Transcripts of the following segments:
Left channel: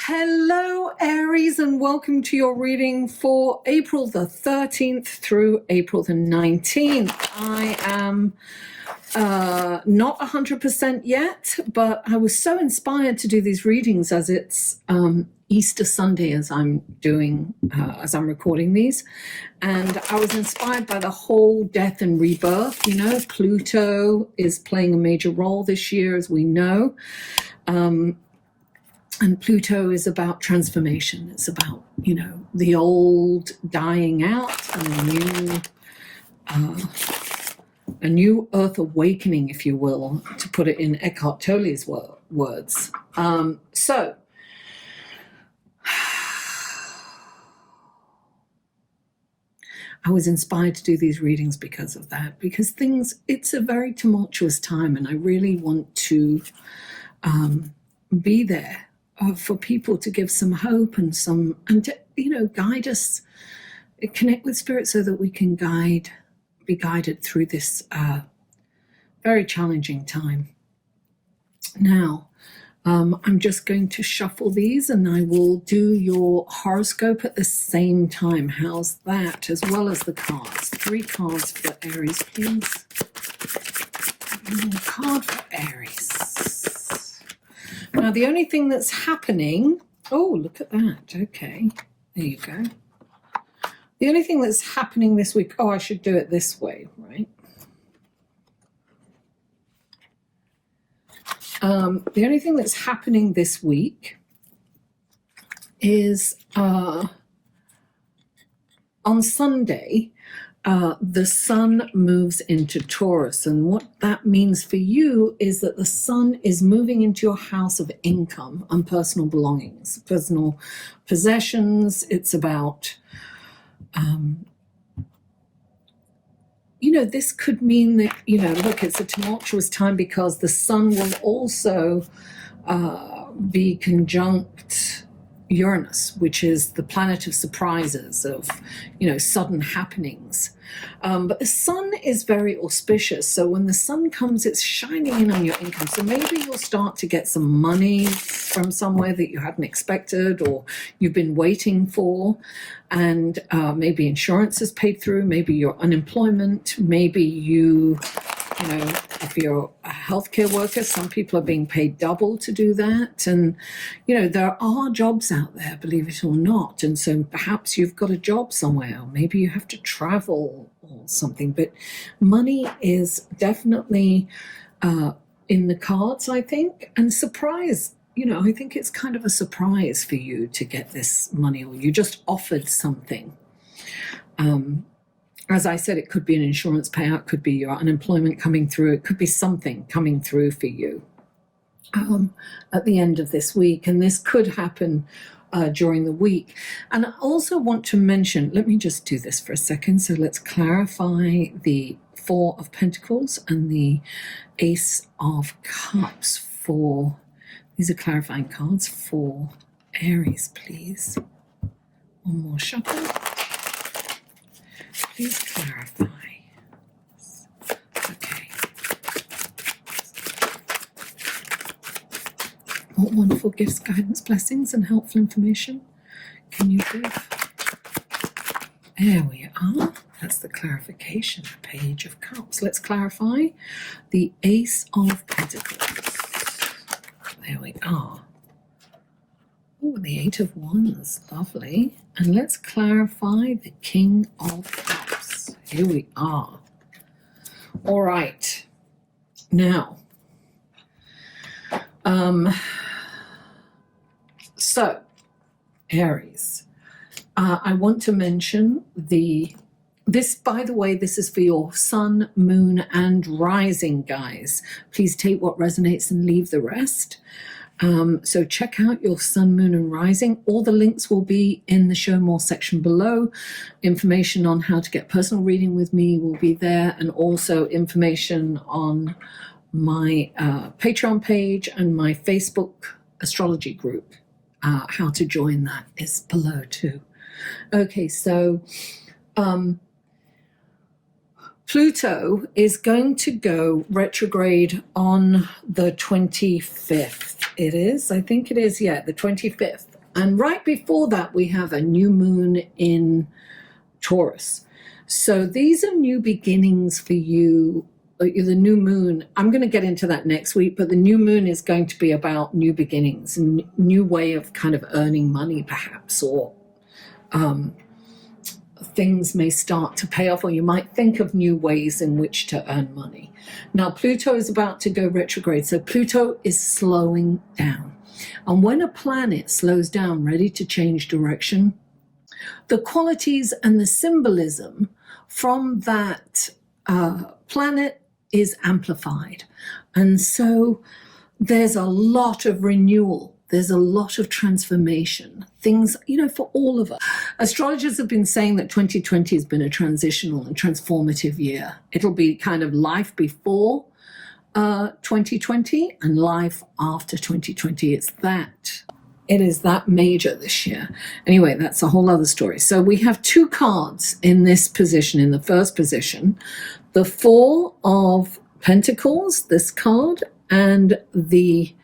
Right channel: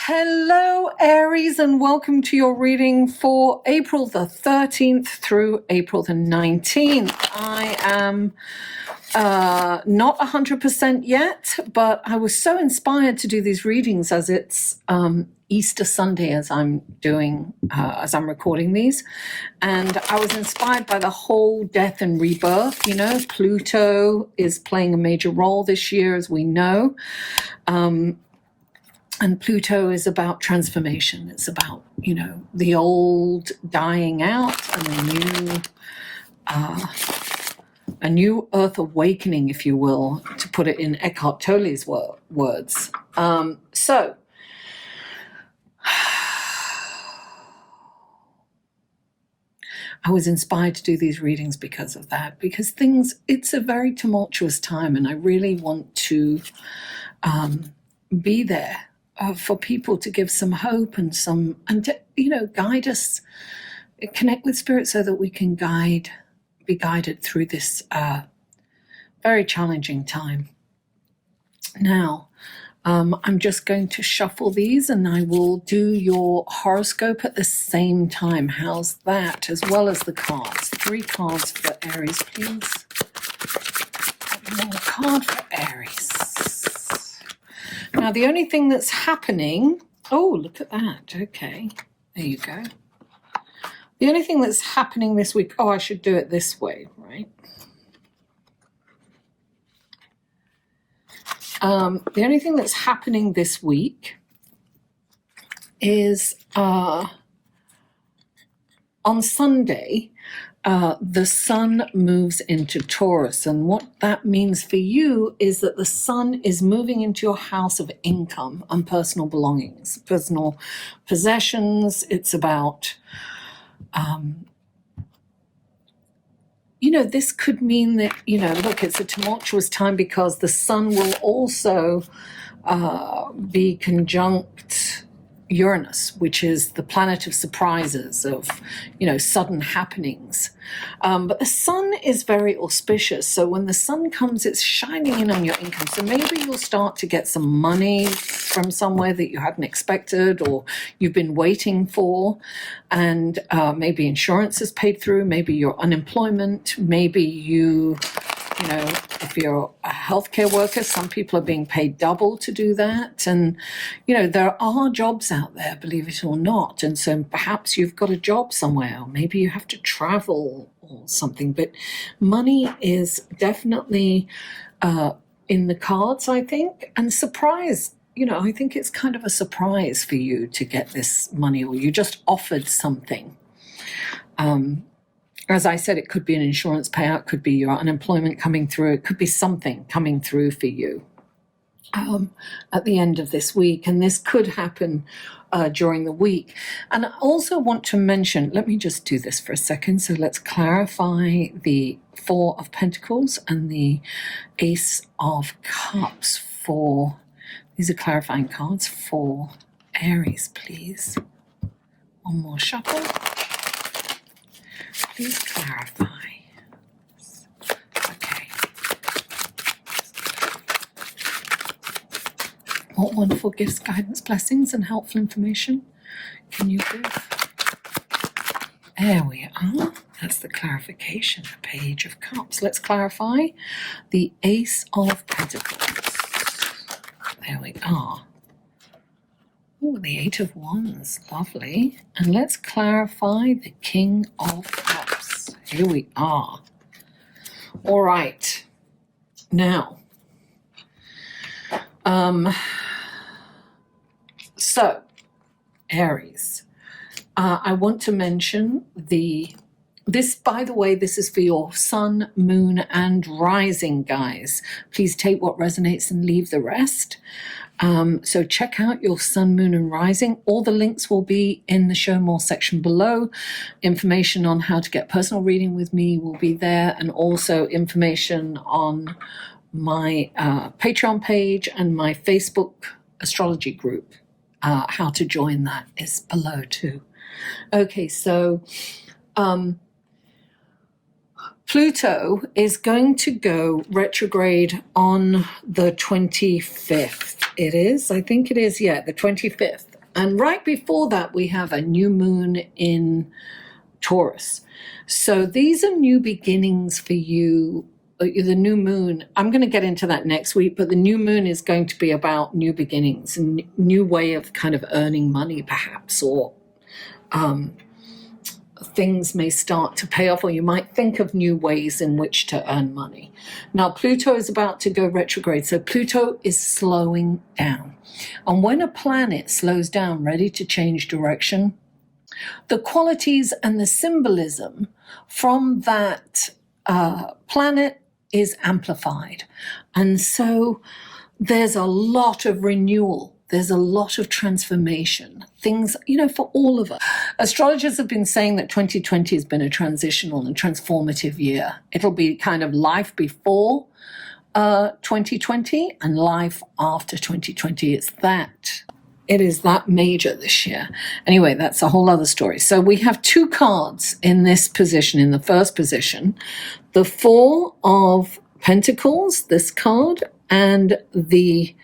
Hello, Aries, and welcome to your reading for April the 13th through April the 19th. I am not 100% yet, but I was so inspired to do these readings as it's Easter Sunday as I'm recording these. And I was inspired by the whole death and rebirth. You know, Pluto is playing a major role this year, as we know. And Pluto is about transformation. It's about, you know, the old dying out and a new earth awakening, if you will, to put it in Eckhart Tolle's words. So I was inspired to do these readings because of that, because it's a very tumultuous time, and I really want to be there for people to give some hope and to, you know, guide us, connect with spirit so that we can be guided through this very challenging time. Now, I'm just going to shuffle these and I will do your horoscope at the same time. How's that? As well as the cards. 3 cards for Aries, please. One card for Aries. Now, the only thing that's happening... Oh, look at that. Okay. There you go. The only thing that's happening this week... Oh, I should do it this way, right? The only thing that's happening this week is on Sunday, the sun moves into Taurus. And what that means for you is that the sun is moving into your house of income and personal belongings, personal possessions. It's about... you know, this could mean that, you know, look, it's a tumultuous time because the sun will also be conjunct Uranus, which is the planet of surprises, of, you know, sudden happenings. But the sun is very auspicious. So when the sun comes, it's shining in on your income. So maybe you'll start to get some money from somewhere that you hadn't expected or you've been waiting for. And maybe insurance is paid through, maybe your unemployment, maybe you know, if you're a healthcare worker, some people are being paid double to do that. And, you know, there are jobs out there, believe it or not. And so perhaps you've got a job somewhere, or maybe you have to travel or something. But money is definitely in the cards, I think. And surprise, you know, I think it's kind of a surprise for you to get this money, or you just offered something. As I said, it could be an insurance payout, could be your unemployment coming through, it could be something coming through for you at the end of this week. And this could happen during the week. And I also want to mention, let me just do this for a second. So let's clarify the 4 of Pentacles and the Ace of Cups for, these are clarifying cards for Aries, please. One more shuffle. Please clarify. Okay. What wonderful gifts, guidance, blessings, and helpful information can you give? There we are. That's the clarification, the Page of Cups. Let's clarify the Ace of Pentacles. There we are. Oh, the 8 of Wands, lovely. And let's clarify the King of Cups. Here we are. All right. Now, so, Aries, I want to mention this, by the way, this is for your sun, moon, and rising, guys. Please take what resonates and leave the rest. So check out your sun, moon, and rising. All the links will be in the show more section below. Information on how to get personal reading with me will be there, and also information on my Patreon page and my Facebook astrology group. How to join that is below too. Okay, so Pluto is going to go retrograde on the 25th. It is, I think it is, yeah, the 25th. And right before that, we have a new moon in Taurus. So these are new beginnings for you. The new moon, I'm going to get into that next week, but the new moon is going to be about new beginnings and new way of kind of earning money, perhaps, or things may start to pay off, or you might think of new ways in which to earn money. Now, Pluto is about to go retrograde, so Pluto is slowing down. And when a planet slows down, ready to change direction, the qualities and the symbolism from that planet is amplified. And so there's a lot of renewal. There's a lot of transformation, things, for all of us. Astrologers have been saying that 2020 has been a transitional and transformative year. It'll be kind of life before 2020 and life after 2020. It is that major this year. Anyway, that's a whole other story. So we have two cards in this position. In the first position, the Four of Pentacles, this card, and the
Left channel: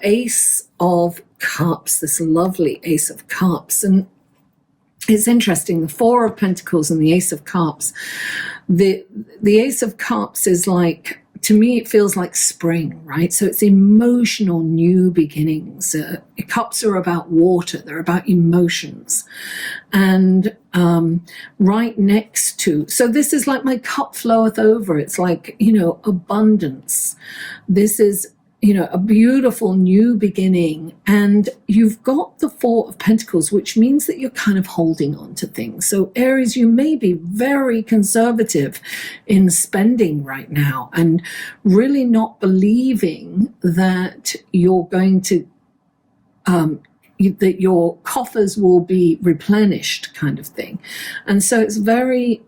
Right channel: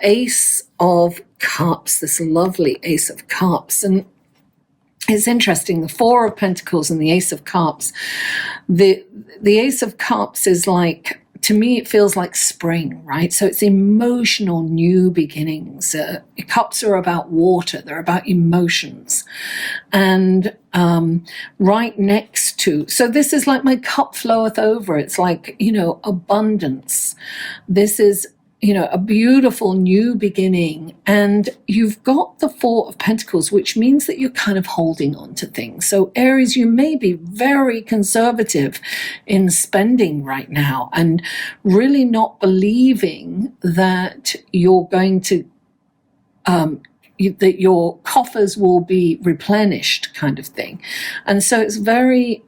Ace of Cups, this lovely Ace of Cups. And it's interesting, the Four of Pentacles and the Ace of Cups. The Ace of Cups is like, to me, it feels like spring, right? So it's emotional new beginnings. Cups are about water. They're about emotions. And right next to, so this is like my cup floweth over. It's like, abundance. This is, a beautiful new beginning. And you've got the Four of Pentacles, which means that you're kind of holding on to things. So Aries, you may be very conservative in spending right now and really not believing that you're going to, that your coffers will be replenished, kind of thing. And so it's very,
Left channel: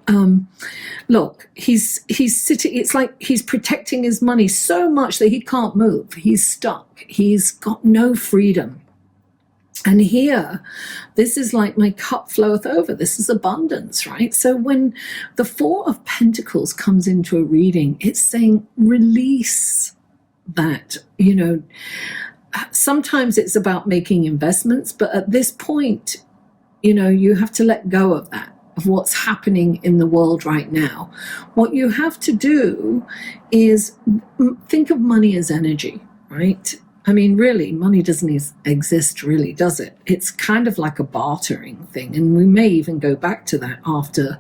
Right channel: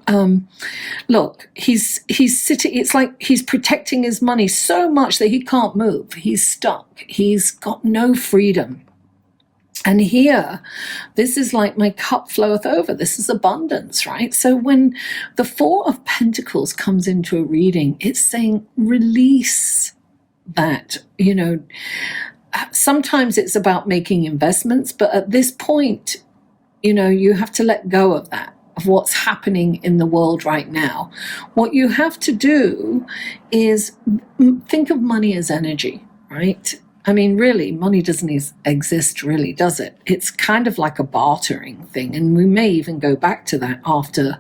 look, he's sitting, it's like he's protecting his money so much that he can't move. He's stuck. He's got no freedom. And here, this is like my cup floweth over. This is abundance, right? So when the Four of Pentacles comes into a reading, it's saying release that, sometimes it's about making investments, but at this point, you have to let go of that, of what's happening in the world right now. What you have to do is think of money as energy, right? I mean, really, money doesn't exist, really, does it? It's kind of like a bartering thing, and we may even go back to that after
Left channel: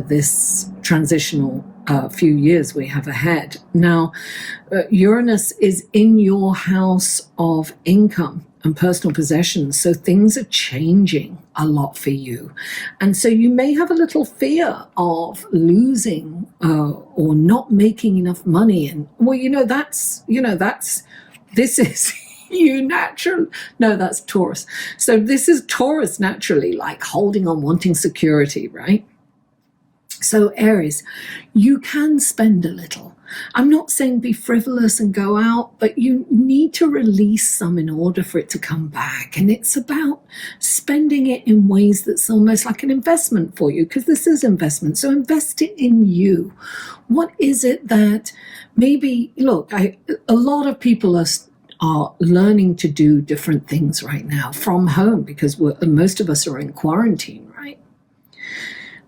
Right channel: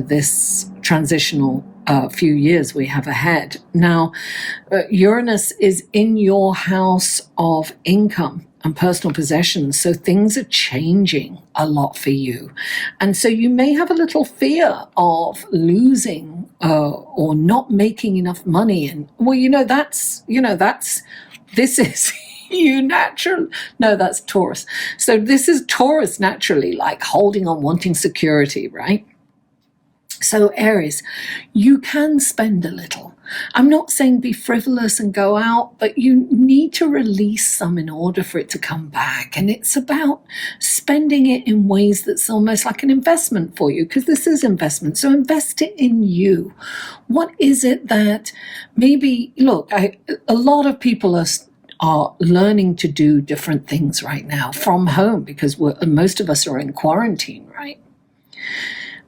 this transitional few years we have ahead. Now, Uranus is in your house of income and personal possessions, so things are changing a lot for you. And so you may have a little fear of losing or not making enough money. And, well, this is you natural. No, that's Taurus. So this is Taurus naturally, like holding on, wanting security, right? So Aries, you can spend a little. I'm not saying be frivolous and go out, but you need to release some in order for it to come back. And it's about spending it in ways that's almost like an investment for you, because this is investment. So invest it in you. What is it that maybe, look, a lot of people are learning to do different things right now from home, because most of us are in quarantine, right?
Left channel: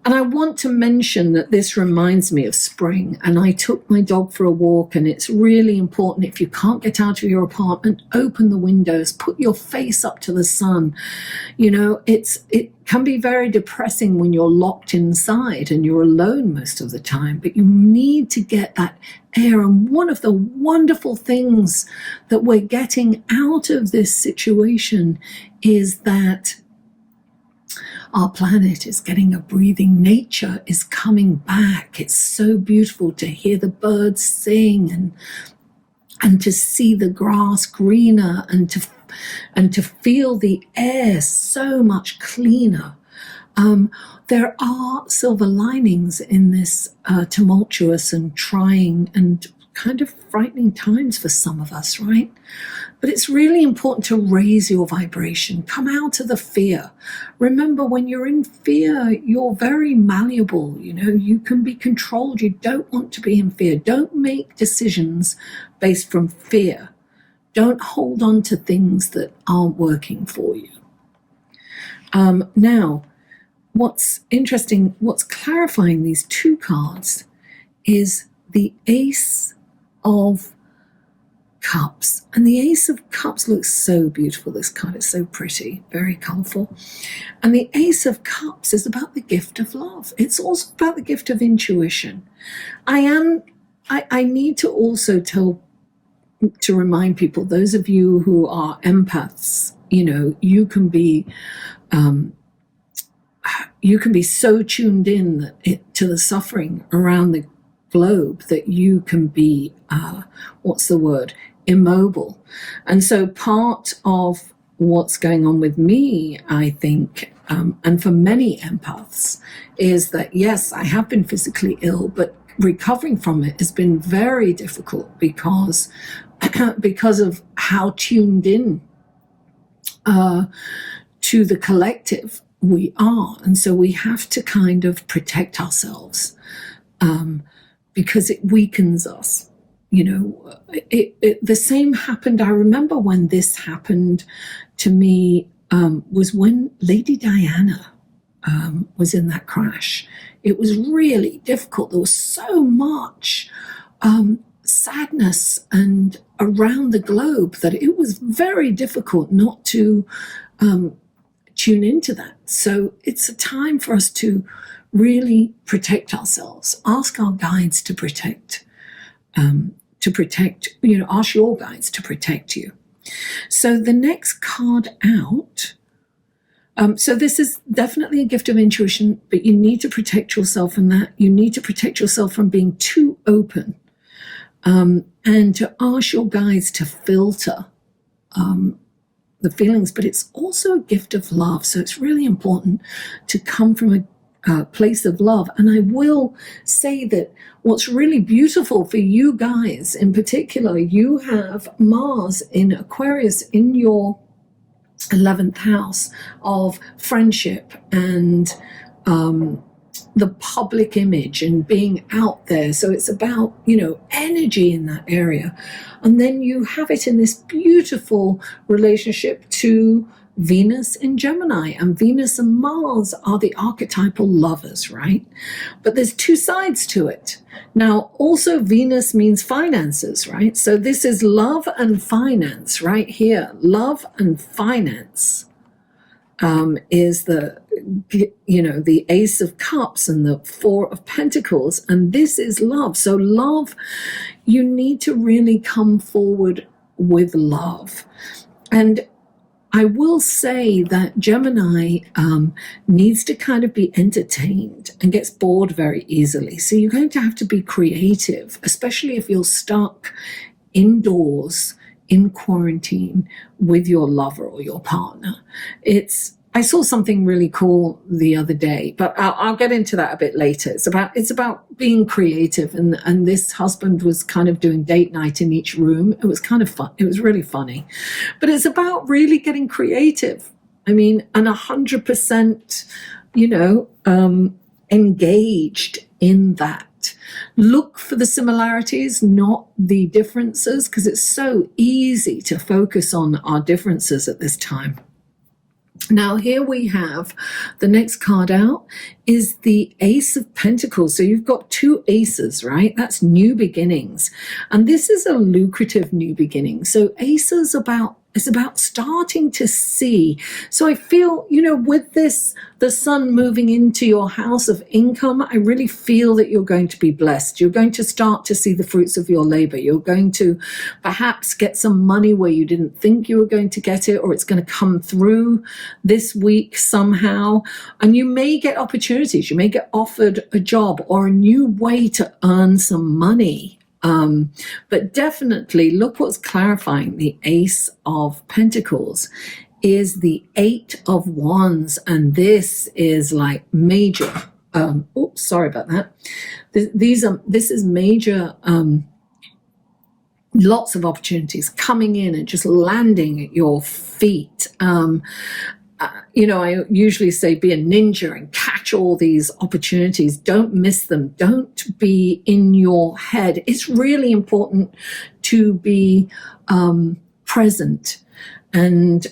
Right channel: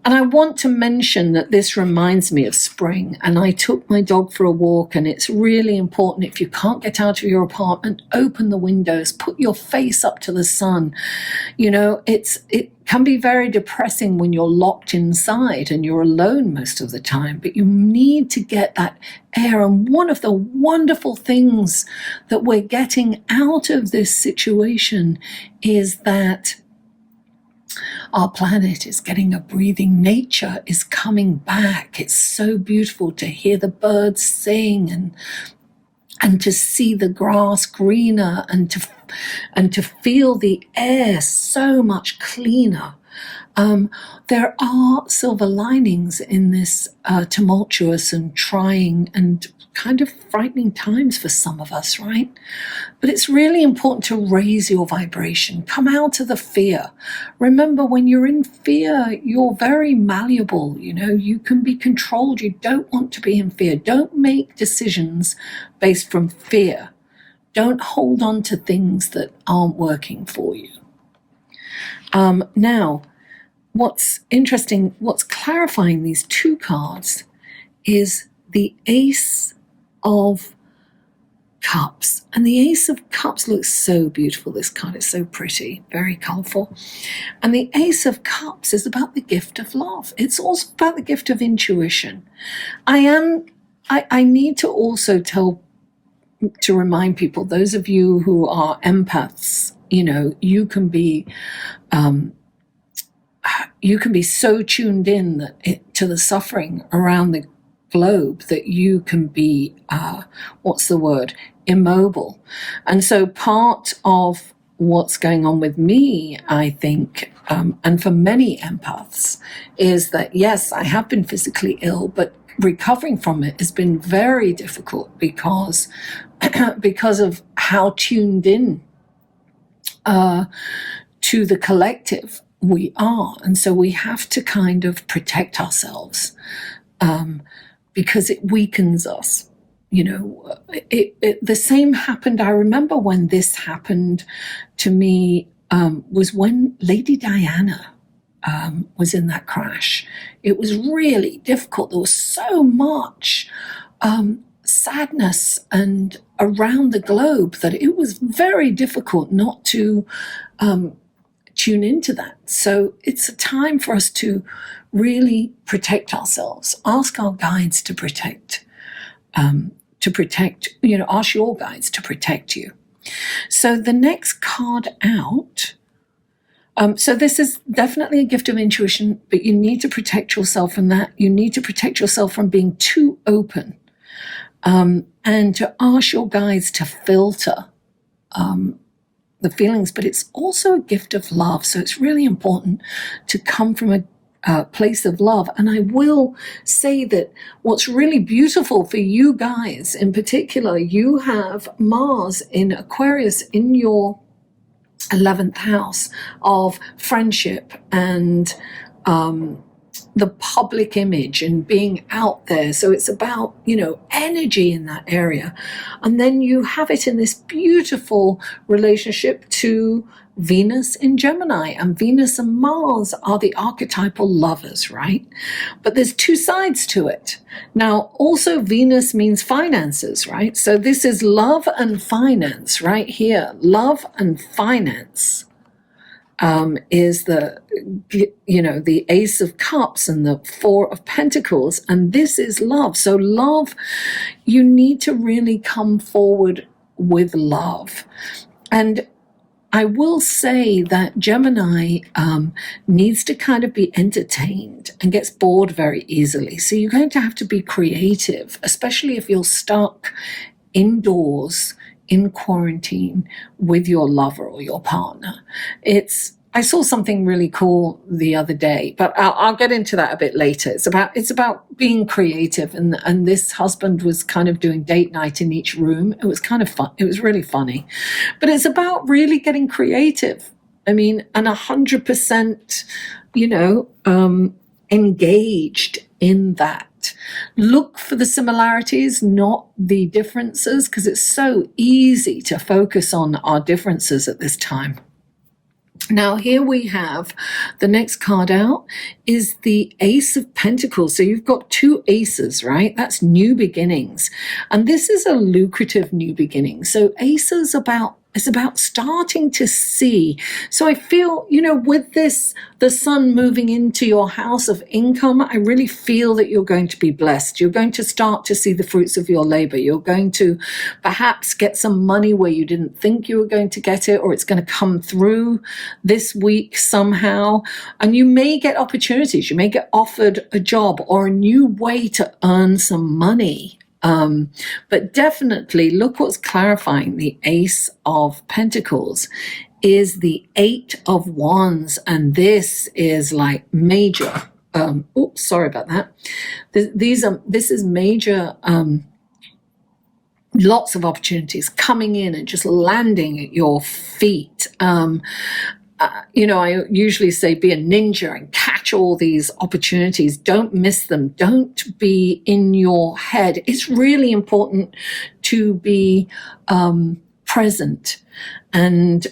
And I want to mention that this reminds me of spring, and I took my dog for a walk, and it's really important, if you can't get out of your apartment, open the windows, put your face up to the sun. It can be very depressing when you're locked inside and you're alone most of the time, but you need to get that air. And one of the wonderful things that we're getting out of this situation is that our planet is getting a breathing. Nature is coming back. It's so beautiful to hear the birds sing and to see the grass greener and to feel the air so much cleaner. There are silver linings in this tumultuous and trying and kind of frightening times for some of us, right? But it's really important to raise your vibration. Come out of the fear. Remember, when you're in fear, you're very malleable. You know, you can be controlled. You don't want to be in fear. Don't make decisions based from fear. Don't hold on to things that aren't working for you. Now, what's interesting, what's clarifying these two cards is the Ace of Cups. And the Ace of Cups looks so beautiful. This card is so pretty, very colorful. And the Ace of Cups is about the gift of love. It's also about the gift of intuition. I need to also remind people, those of you who are empaths, you know, you can be so tuned in to the suffering around the globe that you can be, immobile. And so part of what's going on with me, I think, and for many empaths, is that, yes, I have been physically ill, but recovering from it has been very difficult because of how tuned in to the collective we are. And so we have to kind of protect ourselves because it weakens us. You know, the same happened. I remember when this happened to me was when Lady Diana was in that crash. It was really difficult. There was so much sadness and around the globe that it was very difficult not to tune into that. So it's a time for us to really protect ourselves. Ask our guides to protect, ask your guides to protect you. So the next card out, so this is definitely a gift of intuition, but you need to protect yourself from that. You need to protect yourself from being too open, and to ask your guides to filter the feelings, but it's also a gift of love. So it's really important to come from a place of love. And I will say that what's really beautiful for you guys in particular, you have Mars in Aquarius in your 11th house of friendship and the public image and being out there. So it's about, energy in that area. And then you have it in this beautiful relationship to Venus in Gemini, and Venus and Mars are the archetypal lovers, right? But there's two sides to it. Now, also Venus means finances, right? So this is love and finance right here. Love and finance is the Ace of Cups and the Four of Pentacles, and this is love. So love, you need to really come forward with love. And I will say that Gemini needs to kind of be entertained and gets bored very easily. So you're going to have to be creative, especially if you're stuck indoors in quarantine with your lover or your partner. I saw something really cool the other day, but I'll get into that a bit later. It's about being creative, and this husband was kind of doing date night in each room. It was kind of fun. It was really funny, but it's about really getting creative. I mean, and 100%, engaged in that. Look for the similarities, not the differences, because it's so easy to focus on our differences at this time. Now, here we have the next card out is the Ace of Pentacles. So you've got two aces, right? That's new beginnings. And this is a lucrative new beginning. So aces it's about starting to see. So I feel, with this, the sun moving into your house of income, I really feel that you're going to be blessed. You're going to start to see the fruits of your labor. You're going to perhaps get some money where you didn't think you were going to get it, or it's going to come through this week somehow. And you may get opportunities. You may get offered a job or a new way to earn some money. But definitely look what's clarifying the Ace of Pentacles is the Eight of Wands, and this is like major. Oops, sorry about that. This is major. Lots of opportunities coming in and just landing at your feet. I usually say be a ninja and catch all these opportunities. Don't miss them. Don't be in your head. It's really important to be present and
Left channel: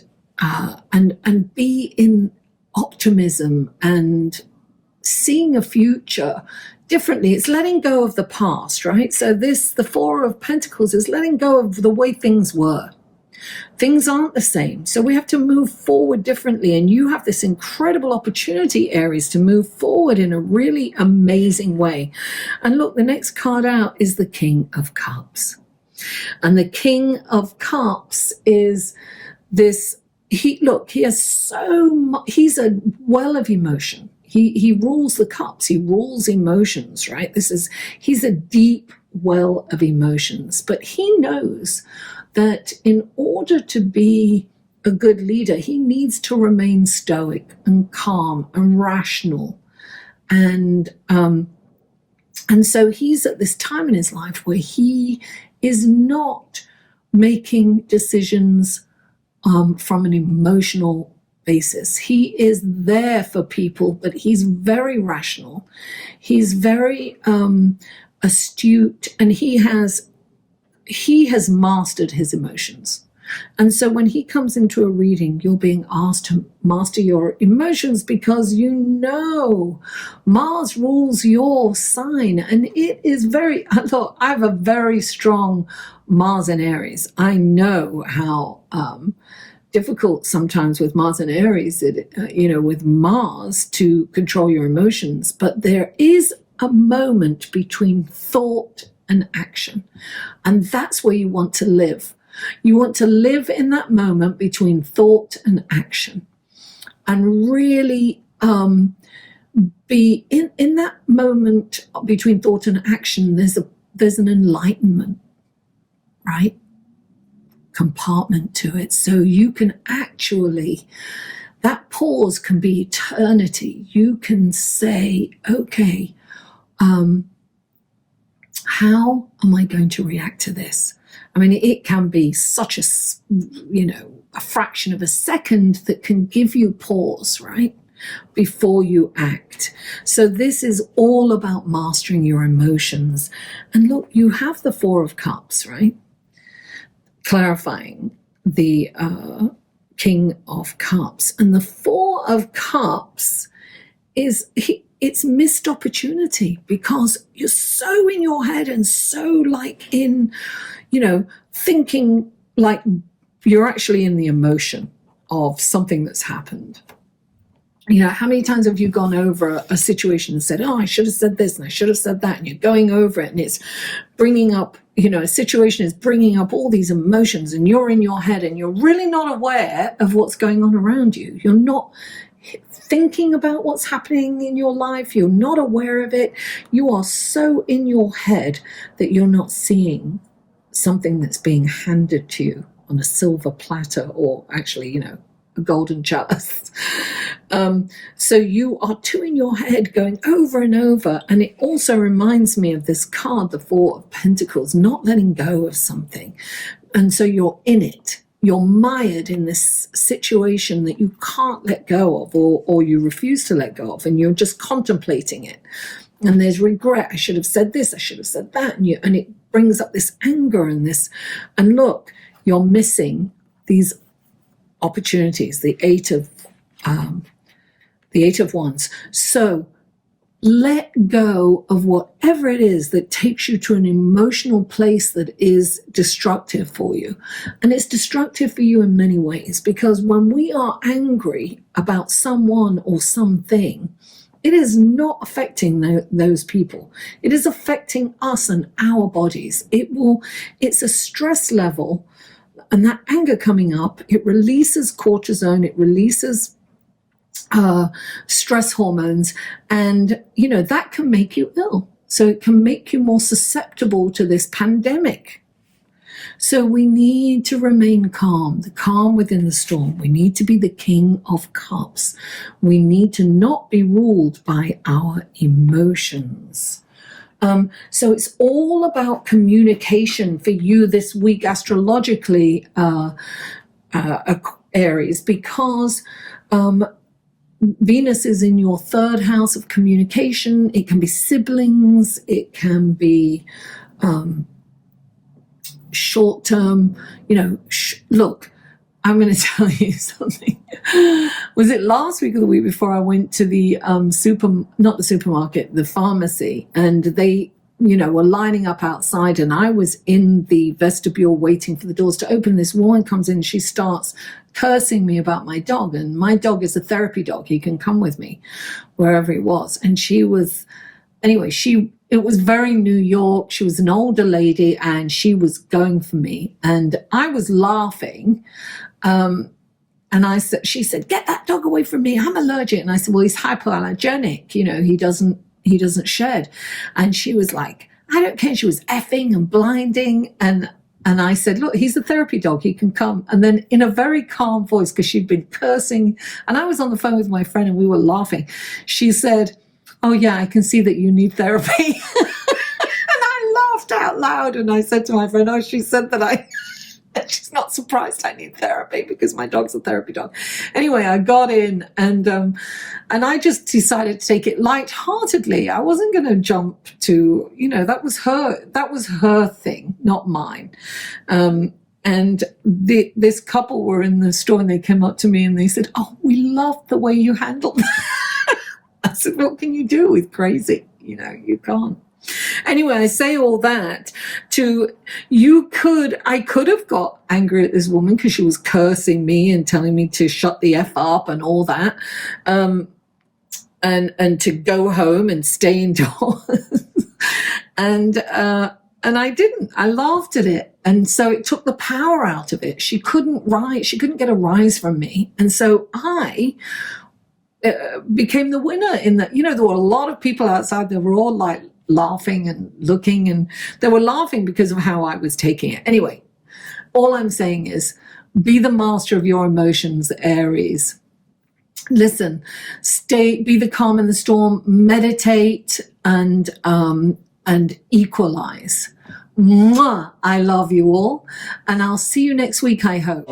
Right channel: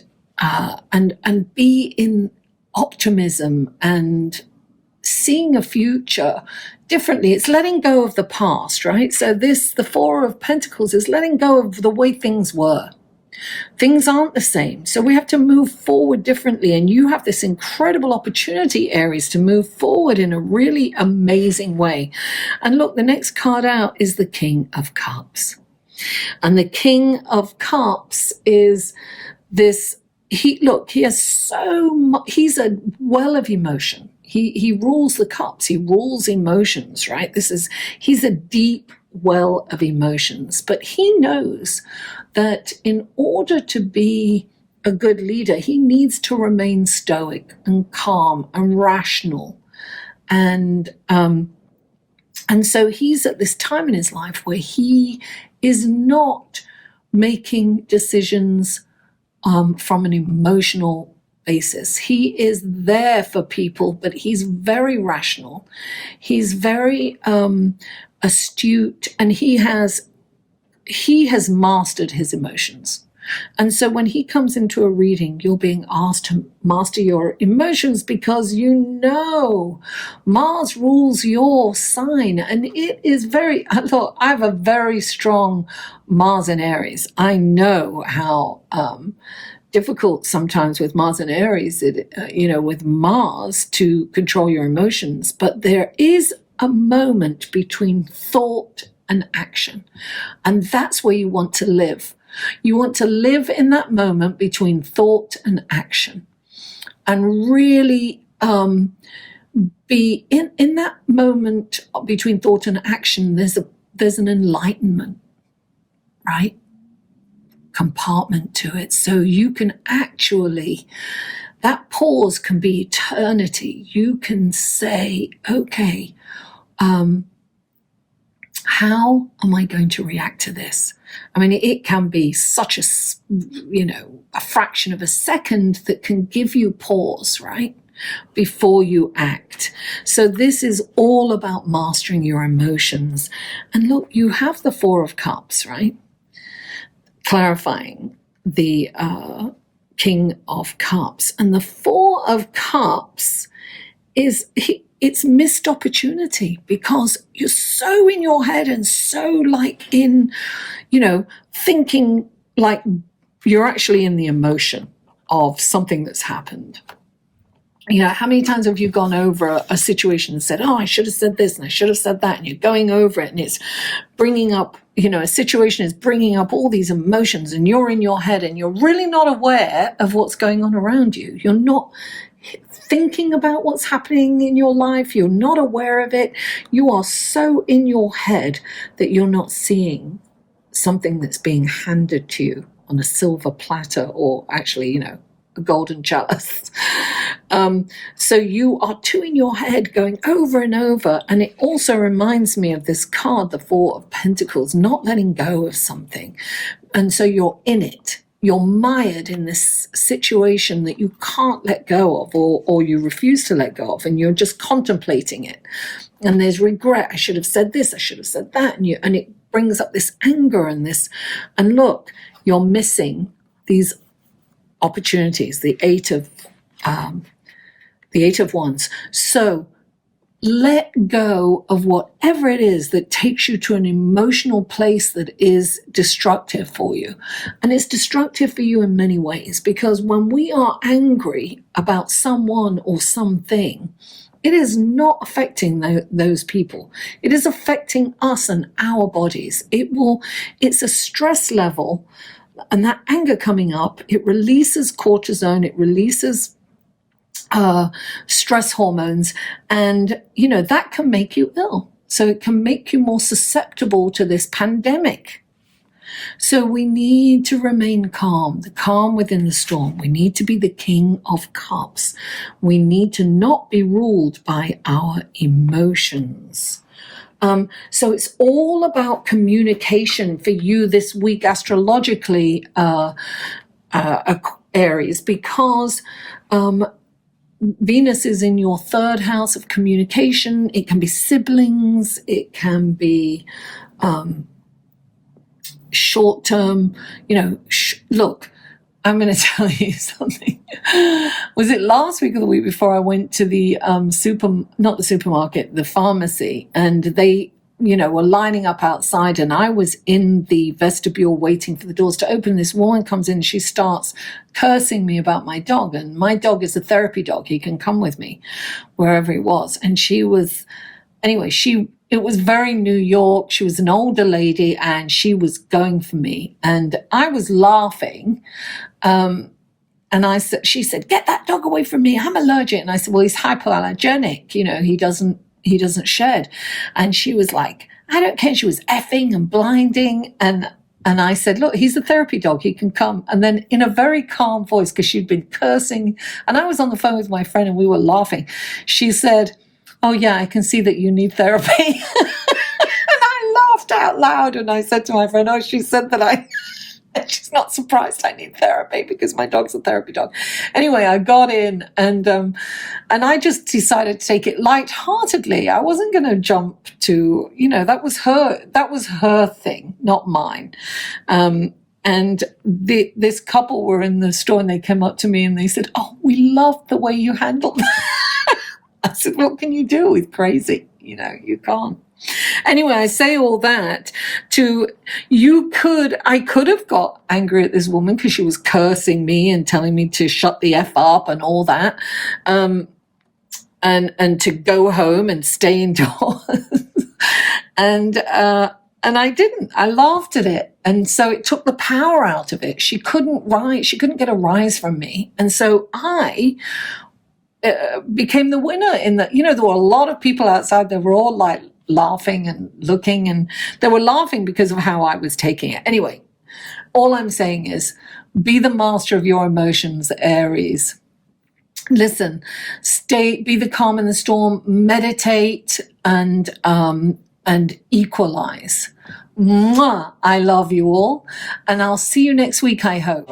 be in optimism and seeing a future differently. It's letting go of the past, right? So the Four of Pentacles is letting go of the way things were. Things aren't the same. So we have to move forward differently. And you have this incredible opportunity, Aries, to move forward in a really amazing way. And look, the next card out is the King of Cups. And the King of Cups is this, he has so much, he's a well of emotion. He rules the cups. He rules emotions, right? He's a deep well of emotions. But he knows that in order to be a good leader, he needs to remain stoic and calm and rational. And so he's at this time in his life where he is not making decisions from an emotional basis. He is there for people, but he's very rational. He's very astute, and he has mastered his emotions. And so when he comes into a reading, you're being asked to master your emotions because Mars rules your sign. And it is I have a very strong Mars in Aries. I know how difficult sometimes with Mars and Aries, with Mars to control your emotions. But there is a moment between thought and action. And that's where you want to live. You want to live in that moment between thought and action. And really be in that moment between thought and action, there's an enlightenment, right? Compartment to it. So you can actually, that pause can be eternity. You can say, okay, how am I going to react to this? I mean, it can be such a fraction of a second that can give you pause, right? Before you act. So this is all about mastering your emotions. And look, you have the Four of Cups, right? Clarifying the King of Cups. And the Four of Cups it's missed opportunity because you're so in your head and so like in, thinking like you're actually in the emotion of something that's happened. How many times have you gone over a situation and said, oh, I should have said this and I should have said that, and you're going over it and it's bringing up, a situation is bringing up all these emotions and you're in your head and you're really not aware of what's going on around you. You're not thinking about what's happening in your life. You're not aware of it. You are so in your head that you're not seeing something that's being handed to you on a silver platter, or actually, a golden chalice. So you are too in your head going over and over. And it also reminds me of this card, the Four of Pentacles, not letting go of something. And so you're in it. You're mired in this situation that you can't let go of, or you refuse to let go of, and you're just contemplating it. And there's regret. I should have said this. I should have said that. And it brings up this anger and this. And look, you're missing these opportunities. The Eight of Wands. So let go of whatever it is that takes you to an emotional place that is destructive for you. And it's destructive for you in many ways, because when we are angry about someone or something, it is not affecting those people. It is affecting us and our bodies. It's a stress level, and that anger coming up, it releases cortisone, it releases stress hormones, and that can make you ill. So it can make you more susceptible to this pandemic. So we need to remain calm, the calm within the storm. We need to be the King of Cups. We need to not be ruled by our emotions. So it's all about communication for you this week astrologically, Aries, because Venus is in your third house of communication. It can be siblings. It can be short-term, look, I'm going to tell you something. Was it last week or the week before I went to the not the supermarket, the pharmacy, and they, were lining up outside, and I was in the vestibule waiting for the doors to open. This woman comes in, she starts cursing me about my dog, and my dog is a therapy dog. He can come with me wherever he was. And it was very New York. She was an older lady, and she was going for me, and I was laughing. And she said, "Get that dog away from me. I'm allergic." And I said, "Well, he's hypoallergenic. He doesn't shed." And she was like, "I don't care." She was effing and blinding. And I said, "Look, he's a therapy dog. He can come." And then in a very calm voice, because she'd been cursing, and I was on the phone with my friend and we were laughing, she said, "Oh yeah, I can see that you need therapy." And I laughed out loud, and I said to my friend, "Oh, she said that she's not surprised I need therapy because my dog's a therapy dog." Anyway, I got in, and I just decided to take it lightheartedly. I wasn't going to jump to, that was her thing, not mine. And this couple were in the store, and they came up to me and they said, "Oh, we love the way you handled that." I said, "What can you do with crazy? You can't." Anyway, I say all that I could have got angry at this woman because she was cursing me and telling me to shut the F up and all that, and to go home and stay indoors. And I didn't. I laughed at it. And so it took the power out of it. She couldn't get a rise from me. And so I became the winner in that. There were a lot of people outside. They were all like laughing and looking, and they were laughing because of how I was taking it. Anyway, all I'm saying is be the master of your emotions, Aries. Listen, be the calm in the storm, meditate, and equalize. Mwah! I love you all, and I'll see you next week, I hope.